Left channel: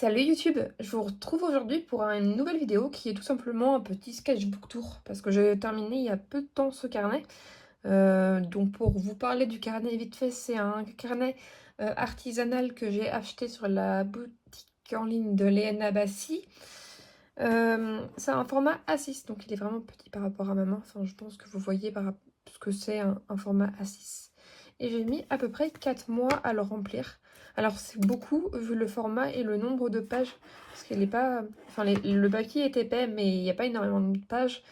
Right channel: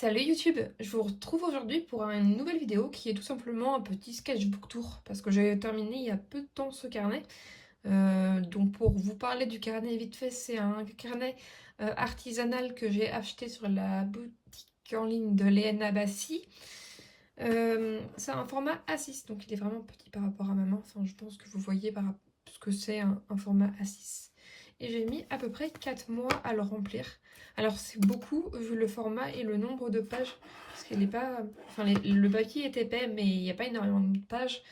Salut YouTube, je vous retrouve aujourd'hui pour une nouvelle vidéo qui est tout simplement un petit sketchbook tour parce que j'ai terminé il y a peu de temps ce carnet. Donc pour vous parler du carnet vite fait, c'est un carnet artisanal que j'ai acheté sur la boutique en ligne de Léana Bassi. C'est un format A6, donc il est vraiment petit par rapport à ma main. Enfin, je pense que vous voyez ce que c'est un format A6. Et j'ai mis à peu près 4 mois à le remplir. Alors c'est beaucoup vu le format et le nombre de pages. Parce qu'il n'est pas... Enfin, le papier est épais, mais il n'y a pas énormément de pages.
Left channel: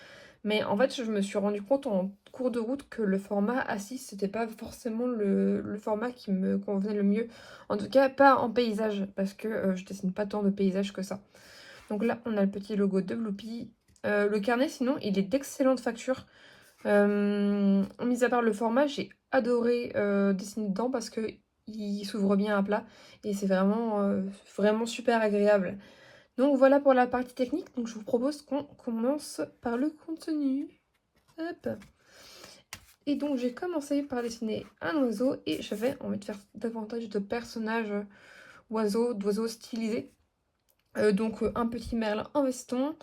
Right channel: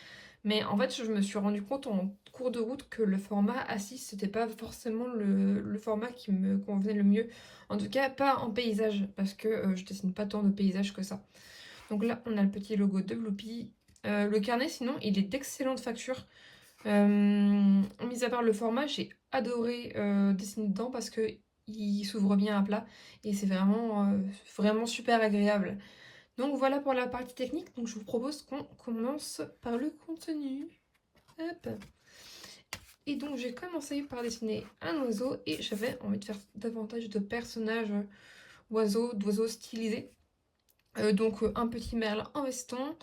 Mais en fait, je me suis rendu compte en cours de route que le format A6, c'était pas forcément le format qui me convenait le mieux. En tout cas, pas en paysage, parce que je dessine pas tant de paysages que ça. Donc là, on a le petit logo de Bloopi. Le carnet, sinon, il est d'excellente facture. Mis à part le format, j'ai adoré dessiner dedans parce que il s'ouvre bien à plat et c'est vraiment super agréable. Donc voilà pour la partie technique. Donc je vous propose qu'on commence par le contenu. Hop. Et donc j'ai commencé par dessiner un oiseau et j'avais envie de faire davantage de personnages d'oiseaux stylisés. Donc un petit merle en veston.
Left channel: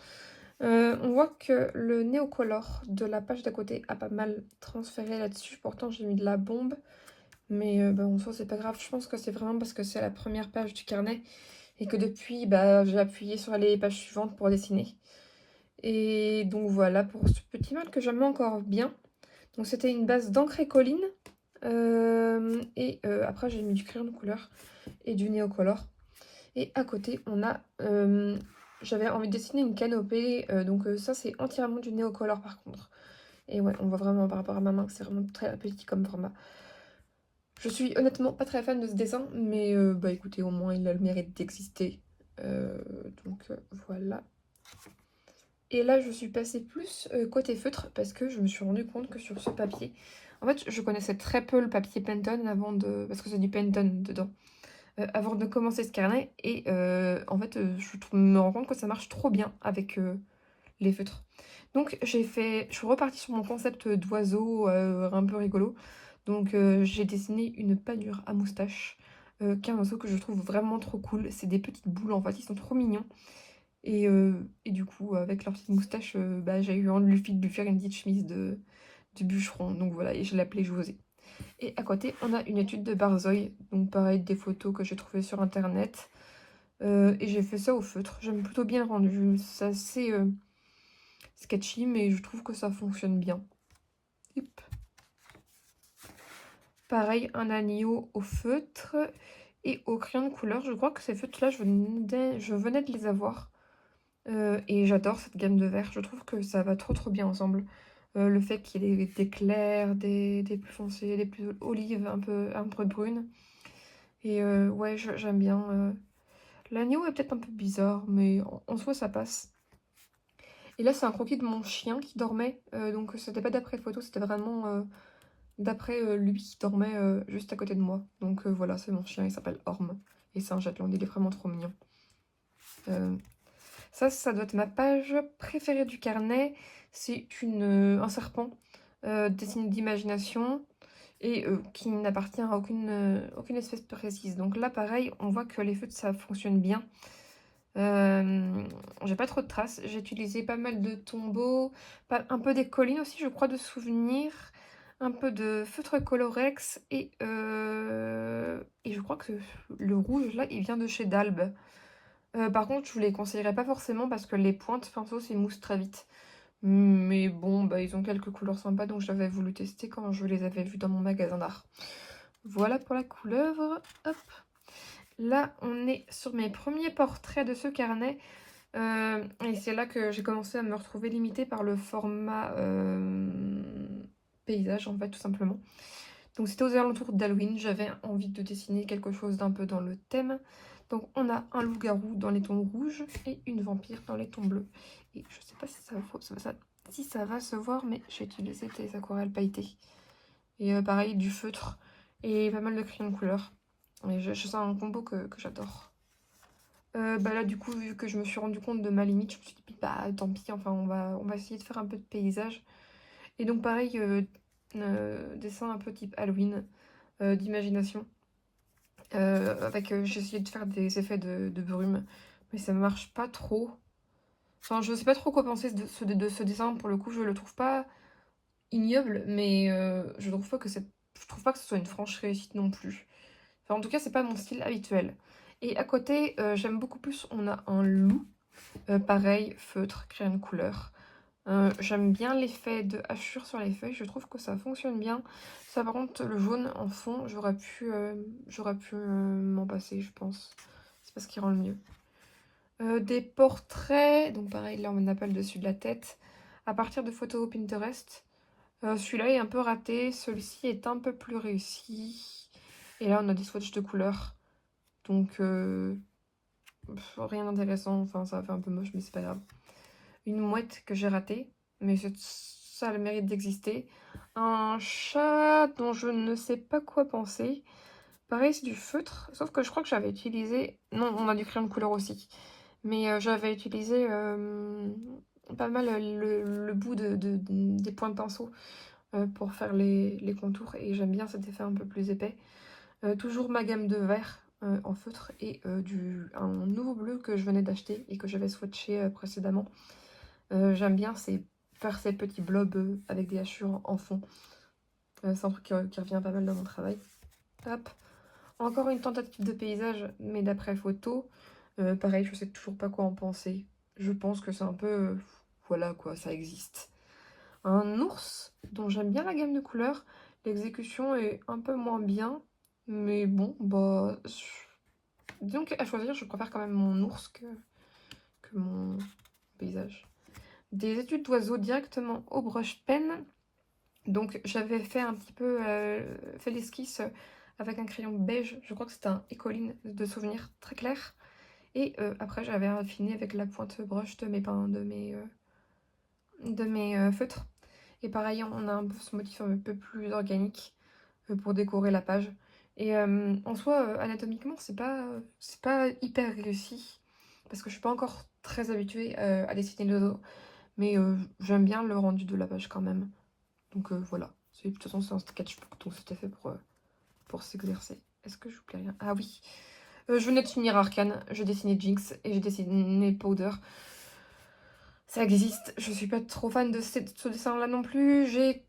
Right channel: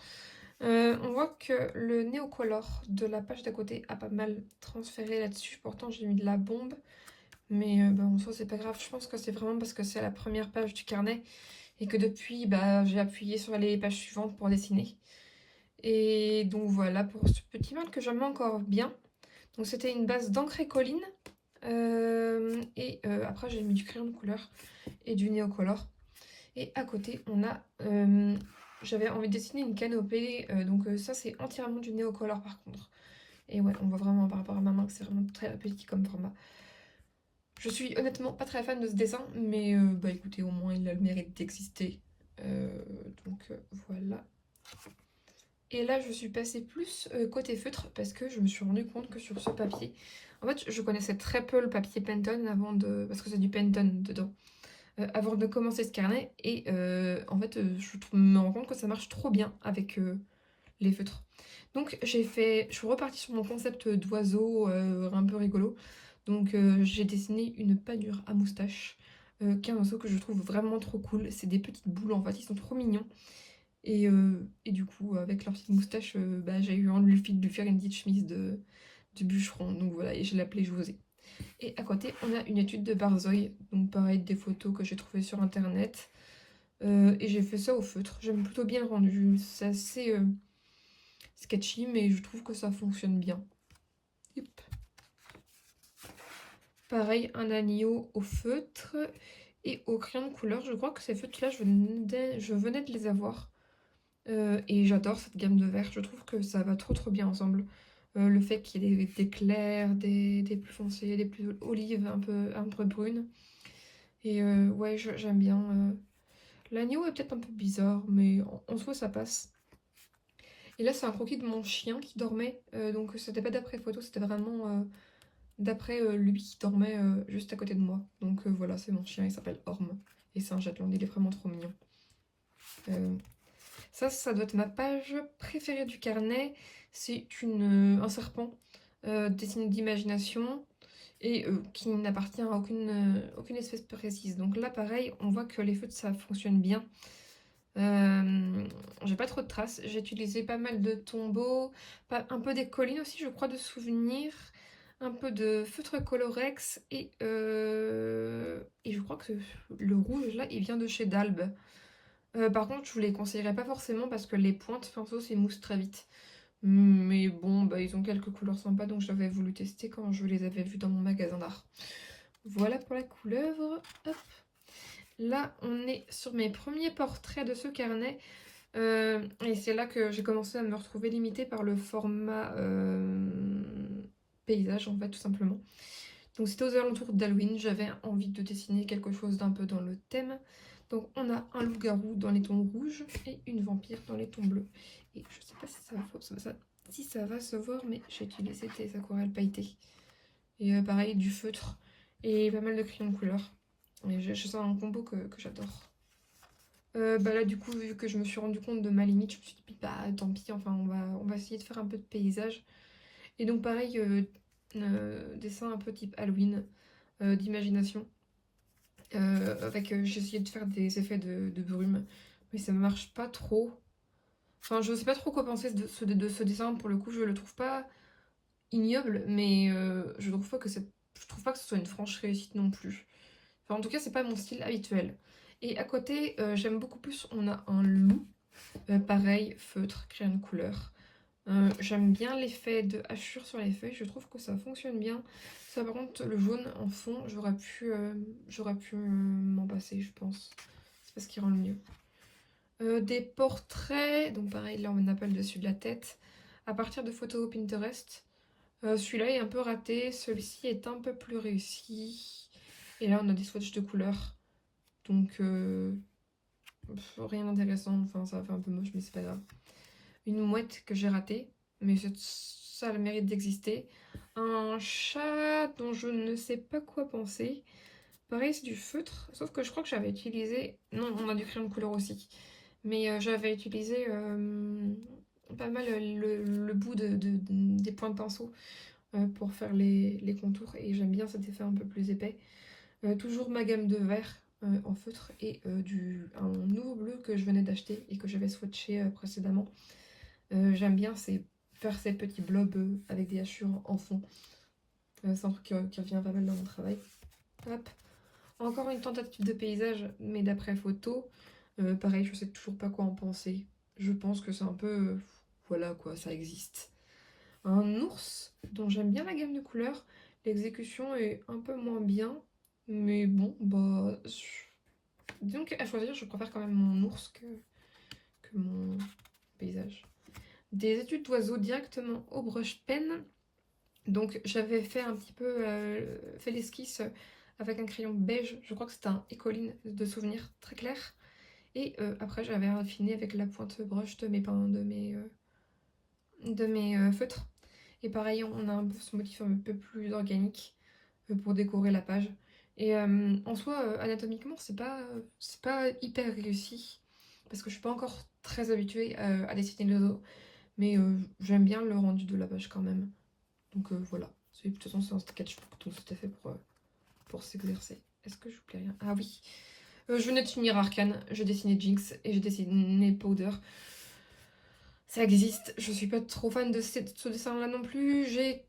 On voit que le néocolor de la page d'à côté a pas mal transféré là-dessus. Pourtant, j'ai mis de la bombe. Mais en soi, c'est pas grave. Je pense que c'est vraiment parce que c'est la première page du carnet. Et que depuis, j'ai appuyé sur les pages suivantes pour dessiner. Et donc voilà pour ce petit mal que j'aime encore bien. Donc c'était une base d'encre et colline. Après, j'ai mis du crayon de couleur et du néocolor. Et à côté, on a... j'avais envie de dessiner une canopée. Ça, c'est entièrement du néocolor par contre. Et ouais, on voit vraiment par rapport à ma main que c'est vraiment très petit comme format. Je suis honnêtement pas très fan de ce dessin, mais écoutez, au moins il a le mérite d'exister. Euh, voilà. Et là, je suis passée plus côté feutre parce que je me suis rendu compte que sur ce papier, en fait, je connaissais très peu le papier Penton parce que c'est du Penton dedans. Avant de commencer ce carnet. Et en fait, me rends compte que ça marche trop bien avec les feutres. Donc je suis repartie sur mon concept d'oiseau un peu rigolo. Donc j'ai dessiné une panure à moustache, qui est un oiseau que je trouve vraiment trop cool. C'est des petites boules en fait, ils sont trop mignons. Et du coup, avec leur petite moustache, j'ai eu envie de lui faire une petite chemise de bûcheron. Donc voilà, et je l'appelais José. Et à côté, on a une étude de Barzoy. Donc pareil, des photos que j'ai trouvées sur internet. Et j'ai fait ça au feutre. J'aime plutôt bien le rendu. C'est assez sketchy, mais je trouve que ça fonctionne bien. Hop. Pareil, un agneau au feutre et au crayon de couleur. Je crois que ces feutres-là, je venais de les avoir. Et j'adore cette gamme de verts. Je trouve que ça va trop bien ensemble. Le fait qu'il y ait des clairs, des plus foncés, des plus olives, un peu brunes. Et ouais, j'aime bien. L'agneau est peut-être un peu bizarre, mais en soi, ça passe. Et là, c'est un croquis de mon chien qui dormait. Donc, c'était pas d'après photo, c'était vraiment d'après lui qui dormait juste à côté de moi. Donc, voilà, c'est mon chien, il s'appelle Orme. Et c'est un Shetland, il est vraiment trop mignon. Ça doit être ma page préférée du carnet. C'est un serpent dessiné d'imagination et qui n'appartient à aucune espèce précise. Donc là, pareil, on voit que les feutres, ça fonctionne bien. J'ai pas trop de traces. J'ai utilisé pas mal de tombeaux, un peu des collines aussi, je crois, de souvenirs, un peu de feutre Colorex et je crois que le rouge là, il vient de chez Dalbe. Par contre, je vous les conseillerais pas forcément parce que les pointes pinceau s'émoussent très vite. Mais bon, ils ont quelques couleurs sympas donc j'avais voulu tester quand je les avais vus dans mon magasin d'art. Voilà pour la couleuvre. Hop. Là, on est sur mes premiers portraits de ce carnet. Et c'est là que j'ai commencé à me retrouver limitée par le format paysage, en fait, tout simplement. Donc c'était aux alentours d'Halloween, j'avais envie de dessiner quelque chose d'un peu dans le thème. Donc on a un loup-garou dans les tons rouges et une vampire dans les tons bleus. Et je sais pas si ça va se voir, mais j'ai utilisé des aquarelles pailletées. Et pareil, du feutre et pas mal de crayons de couleur. Et c'est un combo que j'adore. Là du coup, vu que je me suis rendu compte de ma limite, je me suis dit tant pis, enfin on va essayer de faire un peu de paysage. Et donc pareil, dessin un peu type Halloween, d'imagination. J'ai essayé de faire des effets de brume, mais ça marche pas trop. Enfin, je sais pas trop quoi penser de ce dessin. Pour le coup, je le trouve pas ignoble, mais je trouve pas que ce soit une franche réussite non plus. Enfin, en tout cas, c'est pas mon style habituel. Et à côté, j'aime beaucoup plus, on a un loup. Pareil, feutre, crayon de couleur. J'aime bien l'effet de hachure sur les feuilles, je trouve que ça fonctionne bien. Ça, par contre, le jaune en fond, j'aurais pu m'en passer, je pense. C'est pas ce qui rend le mieux. Des portraits, donc pareil, là on appelle dessus de la tête, à partir de photos Pinterest. Celui-là est un peu raté, celui-ci est un peu plus réussi. Et là on a des swatchs de couleurs, donc rien d'intéressant, enfin ça fait un peu moche mais c'est pas grave. Une mouette que j'ai ratée, mais ça a le mérite d'exister. Un chat dont je ne sais pas quoi penser. Pareil, c'est du feutre, sauf que je crois que j'avais utilisé... Non, on a du crayon de couleur aussi. Mais j'avais utilisé pas mal le bout des points de pinceau pour faire les contours. Et j'aime bien cet effet un peu plus épais. Toujours ma gamme de vert en feutre et un nouveau bleu que je venais d'acheter et que j'avais swatché précédemment. J'aime bien faire ces petits blobs avec des hachures en fond. C'est un truc qui revient pas mal dans mon travail. Hop. Encore une tentative de paysage, mais d'après photo. Pareil, je sais toujours pas quoi en penser. Je pense que c'est un peu... voilà quoi, ça existe. Un ours, dont j'aime bien la gamme de couleurs. L'exécution est un peu moins bien. Mais bon, bah... Disons qu'à choisir, je préfère quand même mon ours que mon paysage. Des études d'oiseaux directement au brush pen. Donc j'avais fait un petit peu fait l'esquisse avec un crayon beige, je crois que c'était un Ecoline de souvenir très clair. Et après j'avais affiné avec la pointe brush de mes feutres. Et pareil, on a un peu ce motif un peu plus organique pour décorer la page. Et en soi, anatomiquement, c'est pas hyper réussi, parce que je suis pas encore très habituée à dessiner les os, mais j'aime bien le rendu de la page quand même. Donc voilà, de toute façon c'est un sketchbook, donc c'était fait pour s'exercer. Est-ce que je vous plais rien? Ah oui, je venais de finir Arcane, j'ai dessiné Jinx et j'ai dessiné Powder. Ça existe, je suis pas trop fan de ce dessin-là non plus. J'ai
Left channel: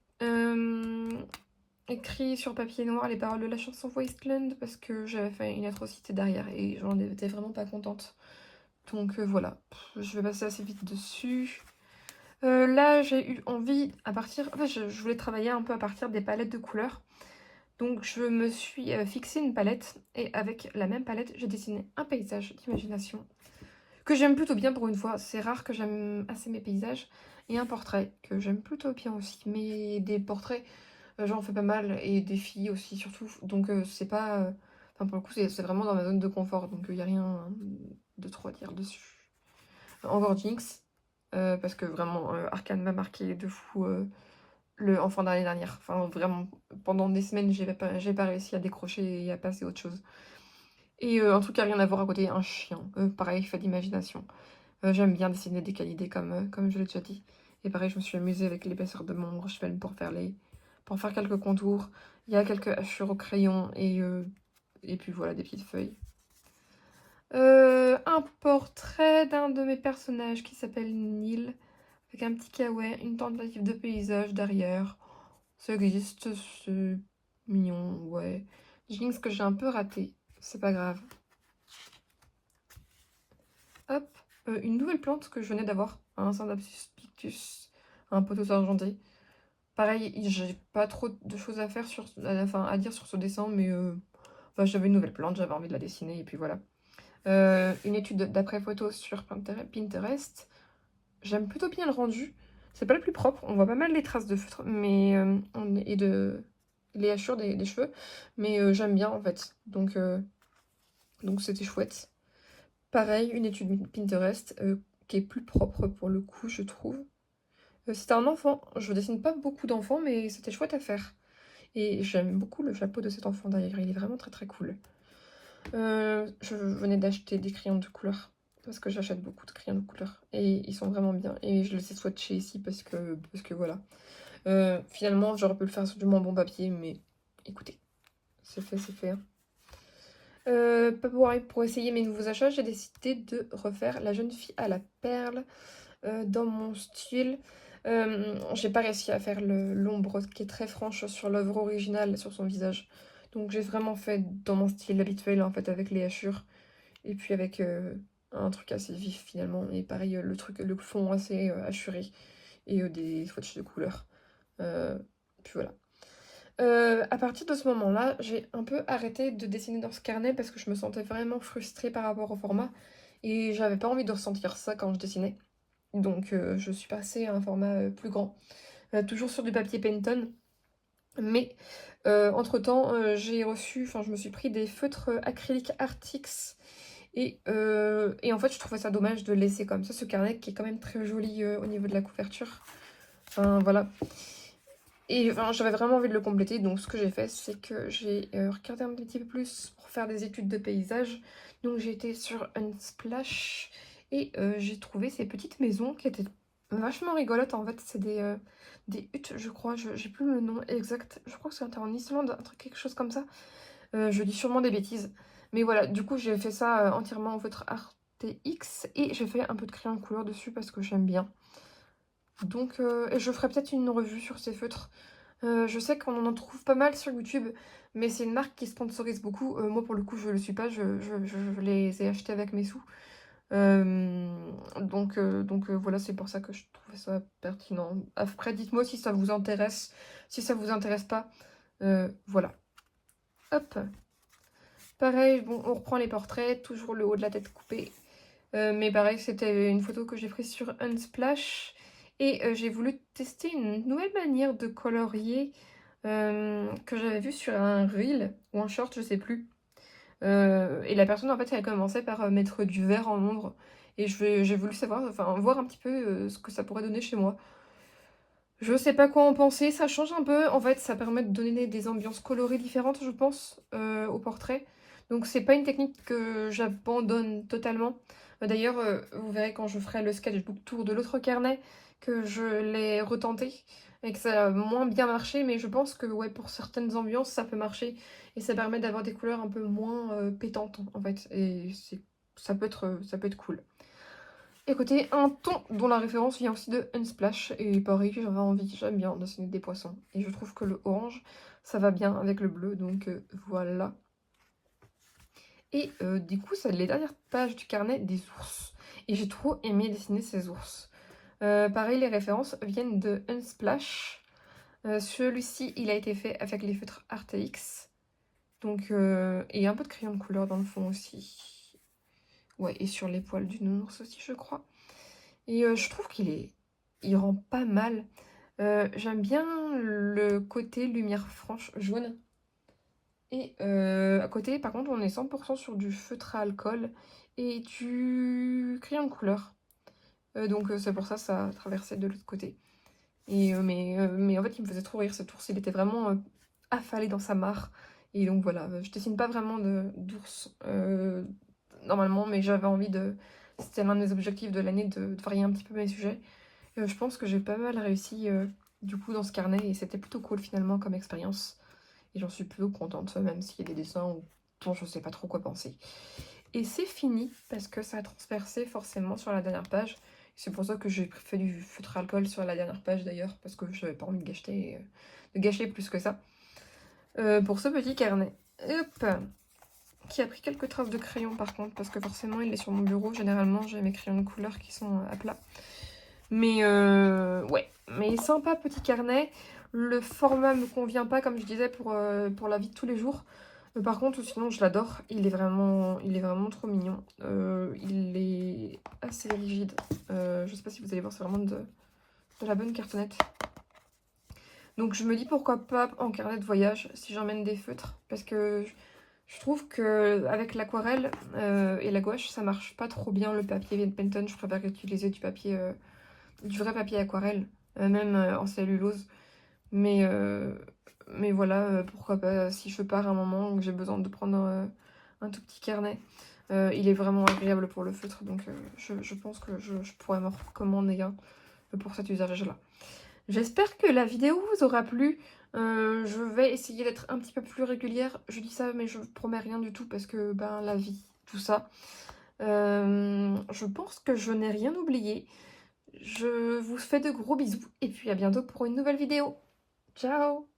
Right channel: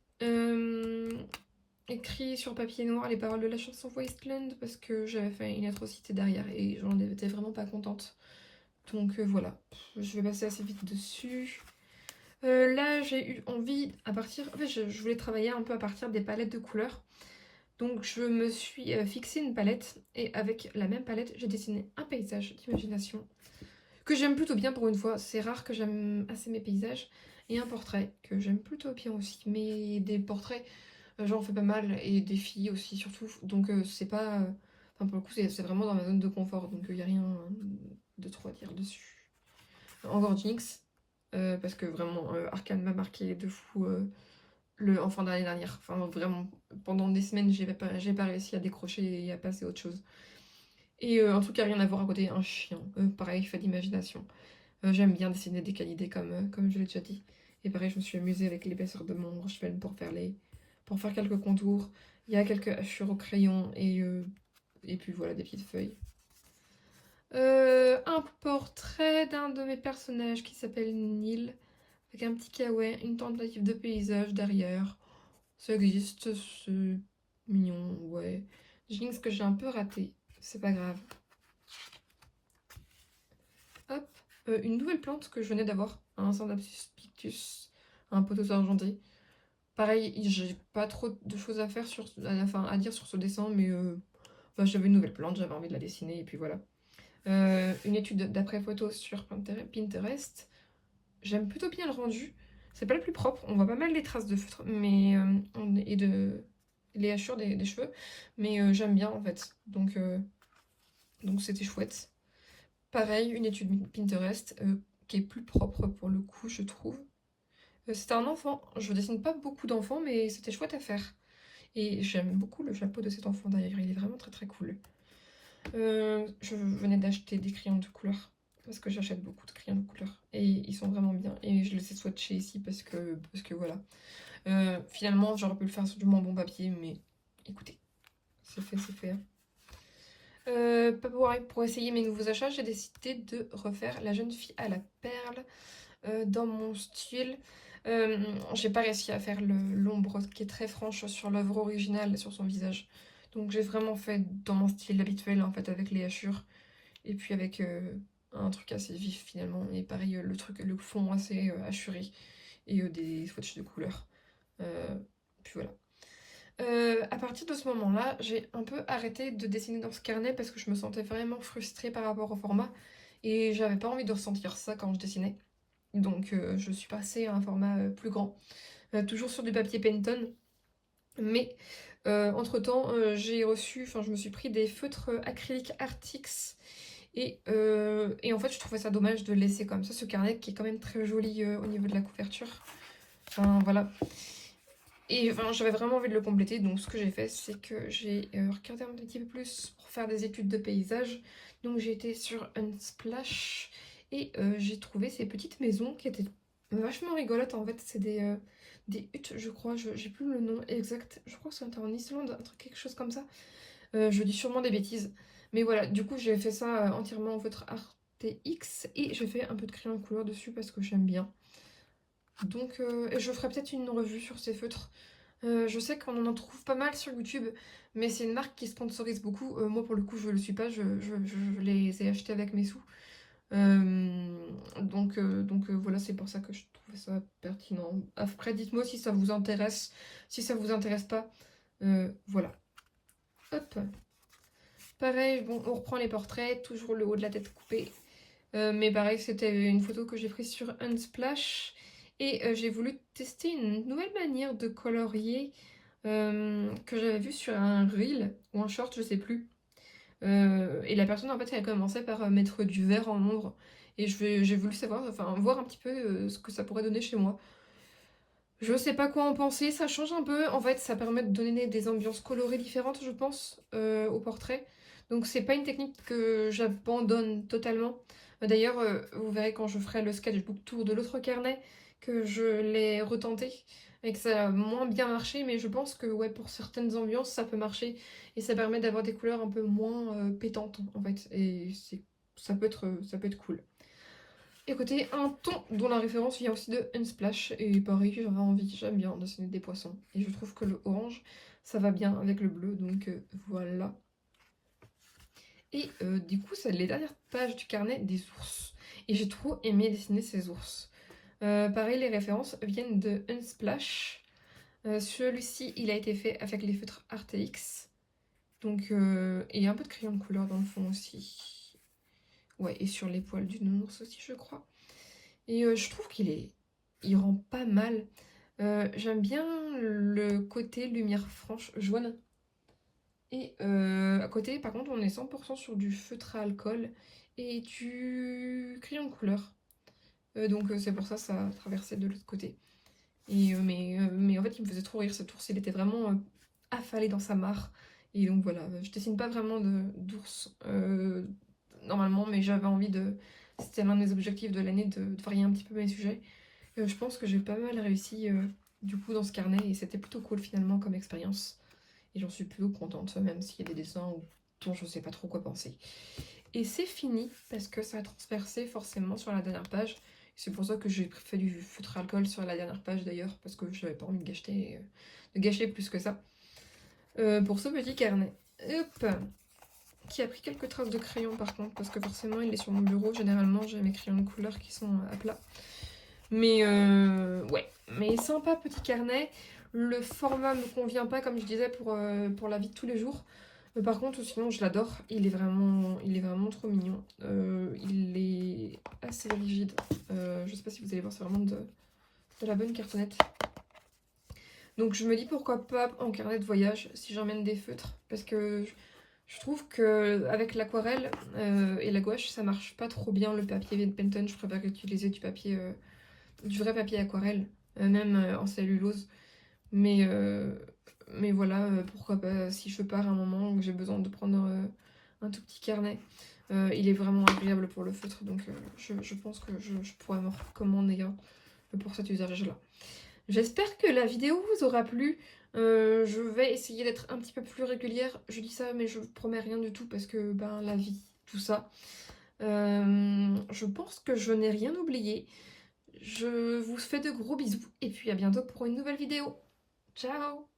écrit sur papier noir les paroles de la chanson Wasteland parce que j'avais fait une atrocité derrière et j'en étais vraiment pas contente. Donc voilà, je vais passer assez vite dessus. Là, j'ai eu envie, à partir... En fait, je voulais travailler un peu à partir des palettes de couleurs. Donc, je me suis fixé une palette. Et avec la même palette, j'ai dessiné un paysage d'imagination. Que j'aime plutôt bien pour une fois. C'est rare que j'aime assez mes paysages. Et un portrait, que j'aime plutôt bien aussi. Mais des portraits, j'en fais pas mal. Et des filles aussi, surtout. Donc, c'est pas... Enfin, pour le coup, c'est vraiment dans ma zone de confort. Donc, il n'y a rien de trop à dire dessus. Encore Jinx. Parce que vraiment, Arcane m'a marqué de fou en fin d'année dernière. Enfin, vraiment, pendant des semaines, j'ai pas réussi à décrocher et à passer à autre chose. Et un truc à rien à voir à côté, un chien. Pareil, fait d'imagination. J'aime bien dessiner des canidés comme je l'ai déjà dit. Et pareil, je me suis amusée avec l'épaisseur de mon brush pen pour faire quelques contours. Il y a quelques hachures au crayon et puis voilà, des petites feuilles. Un portrait d'un de mes personnages qui s'appelle Neil, avec un petit kawaii, une tentative de paysage derrière. Ça existe, c'est mignon, ouais. Jinx que j'ai un peu raté, c'est pas grave. Hop, une nouvelle plante que je venais d'avoir, un Synapsus pictus, un pothos argenté. Pareil, j'ai pas trop de choses à faire à dire sur ce dessin, mais j'avais une nouvelle plante, j'avais envie de la dessiner, et puis voilà. Une étude d'après photo sur Pinterest. J'aime plutôt bien le rendu. C'est pas le plus propre, on voit pas mal les traces de feutre mais, et les hachures des cheveux, mais j'aime bien en fait. Donc c'était chouette. Pareil, une étude Pinterest qui est plus propre pour le coup, je trouve. C'était un enfant. Je dessine pas beaucoup d'enfants, mais c'était chouette à faire. Et j'aime beaucoup le chapeau de cet enfant d'ailleurs, il est vraiment très très cool. Je venais d'acheter des crayons de couleur parce que j'achète beaucoup de crayons de couleur et ils sont vraiment bien et je les ai swatchés ici parce que voilà. Finalement j'aurais pu le faire sur du moins bon papier mais écoutez, c'est fait, c'est fait. Pour essayer mes nouveaux achats, j'ai décidé de refaire la jeune fille à la perle dans mon style. J'ai pas réussi à faire l'ombre qui est très franche sur l'œuvre originale, sur son visage. Donc j'ai vraiment fait dans mon style habituel en fait avec les hachures. Et puis avec un truc assez vif finalement. Et pareil, le fond assez hachuré. Et des swatchs de couleurs. Puis voilà. À partir de ce moment-là, j'ai un peu arrêté de dessiner dans ce carnet parce que je me sentais vraiment frustrée par rapport au format. Et j'avais pas envie de ressentir ça quand je dessinais. Donc je suis passée à un format plus grand. Toujours sur du papier Penton. Mais entre-temps, j'ai reçu, enfin je me suis pris des feutres acryliques Artix. Et en fait, je trouvais ça dommage de laisser comme ça ce carnet qui est quand même très joli au niveau de la couverture. Enfin, voilà. Et enfin, j'avais vraiment envie de le compléter, donc ce que j'ai fait, c'est que j'ai regardé un petit peu plus pour faire des études de paysage. Donc j'ai été sur Unsplash et j'ai trouvé ces petites maisons qui étaient vachement rigolotes. En fait, c'est des huttes, je crois, j'ai plus le nom exact. Je crois que c'était en Islande, un truc, quelque chose comme ça. Je dis sûrement des bêtises. Mais voilà, du coup, j'ai fait ça entièrement en feutre RTX et j'ai fait un peu de crayon de couleur dessus parce que j'aime bien. Donc, je ferai peut-être une revue sur ces feutres. Je sais qu'on en trouve pas mal sur YouTube, mais c'est une marque qui sponsorise beaucoup. Moi, pour le coup, je le suis pas, je les ai achetés avec mes sous. Donc voilà, c'est pour ça que je trouvais ça pertinent. Après, dites-moi si ça vous intéresse, si ça vous intéresse pas. Voilà. Hop. Pareil, bon, on reprend les portraits, toujours le haut de la tête coupé. Mais pareil, c'était une photo que j'ai prise sur Unsplash. Et j'ai voulu tester une nouvelle manière de colorier que j'avais vue sur un reel ou un short, je sais plus. Et la personne, en fait, elle a commencé par mettre du vert en ombre. Et j'ai voulu savoir, enfin, voir un petit peu ce que ça pourrait donner chez moi. Je sais pas quoi en penser, ça change un peu. En fait, ça permet de donner des ambiances colorées différentes, je pense, au portrait. Donc, c'est pas une technique que j'abandonne totalement. D'ailleurs, vous verrez quand je ferai le sketchbook tour de l'autre carnet que je l'ai retenté et que ça a moins bien marché. Mais je pense que ouais, pour certaines ambiances, ça peut marcher et ça permet d'avoir des couleurs un peu moins pétantes en fait. Et ça peut être cool. Écoutez, un ton dont la référence vient aussi de Unsplash, et pareil, j'aime bien dessiner des poissons, et je trouve que le orange, ça va bien avec le bleu, donc voilà. Et du coup, c'est les dernières pages du carnet des ours, et j'ai trop aimé dessiner ces ours. Pareil, les références viennent de Unsplash. Celui-ci, il a été fait avec les feutres RTX, donc, et un peu de crayon de couleur dans le fond aussi. Ouais, et sur les poils du nounours aussi, je crois. Et je trouve il rend pas mal. J'aime bien le côté lumière franche jaune. Et à côté, par contre, on est 100% sur du feutre à alcool et du crayon de couleur. Donc c'est pour ça ça a traversé de l'autre côté. Mais en fait, il me faisait trop rire cet ours. Il était vraiment affalé dans sa mare. Et donc voilà, je dessine pas vraiment d'ours normalement, mais j'avais envie de... C'était l'un de mes objectifs de l'année de varier un petit peu mes sujets. Je pense que j'ai pas mal réussi du coup dans ce carnet et c'était plutôt cool finalement comme expérience. Et j'en suis plutôt contente, même s'il y a des dessins dont je sais pas trop quoi penser. Et c'est fini parce que ça a transpercé forcément sur la dernière page. C'est pour ça que j'ai fait du feutre alcool sur la dernière page d'ailleurs, parce que je n'avais pas envie de gâcher plus que ça. Pour ce petit carnet. Hop, qui a pris quelques traces de crayon par contre, parce que forcément il est sur mon bureau. Généralement j'ai mes crayons de couleur qui sont à plat. Mais ouais, mais sympa petit carnet. Le format me convient pas, comme je disais, pour la vie de tous les jours. Par contre, sinon, je l'adore. Il est vraiment trop mignon. Il est assez rigide. Je sais pas si vous allez voir, c'est vraiment de la bonne cartonnette. Donc, je me dis pourquoi pas en carnet de voyage si j'emmène des feutres. Parce que je trouve que avec l'aquarelle et la gouache, ça marche pas trop bien le papier Penton. Je préfère utiliser du vrai papier aquarelle, même en cellulose. Mais voilà, pourquoi pas, si je pars un moment où j'ai besoin de prendre un tout petit carnet. Il est vraiment agréable pour le feutre, donc je pense que je pourrais me recommander un pour cet usage-là. J'espère que la vidéo vous aura plu. Je vais essayer d'être un petit peu plus régulière. Je dis ça, mais je promets rien du tout parce que ben, la vie, tout ça. Je pense que je n'ai rien oublié. Je vous fais de gros bisous et puis à bientôt pour une nouvelle vidéo. Ciao!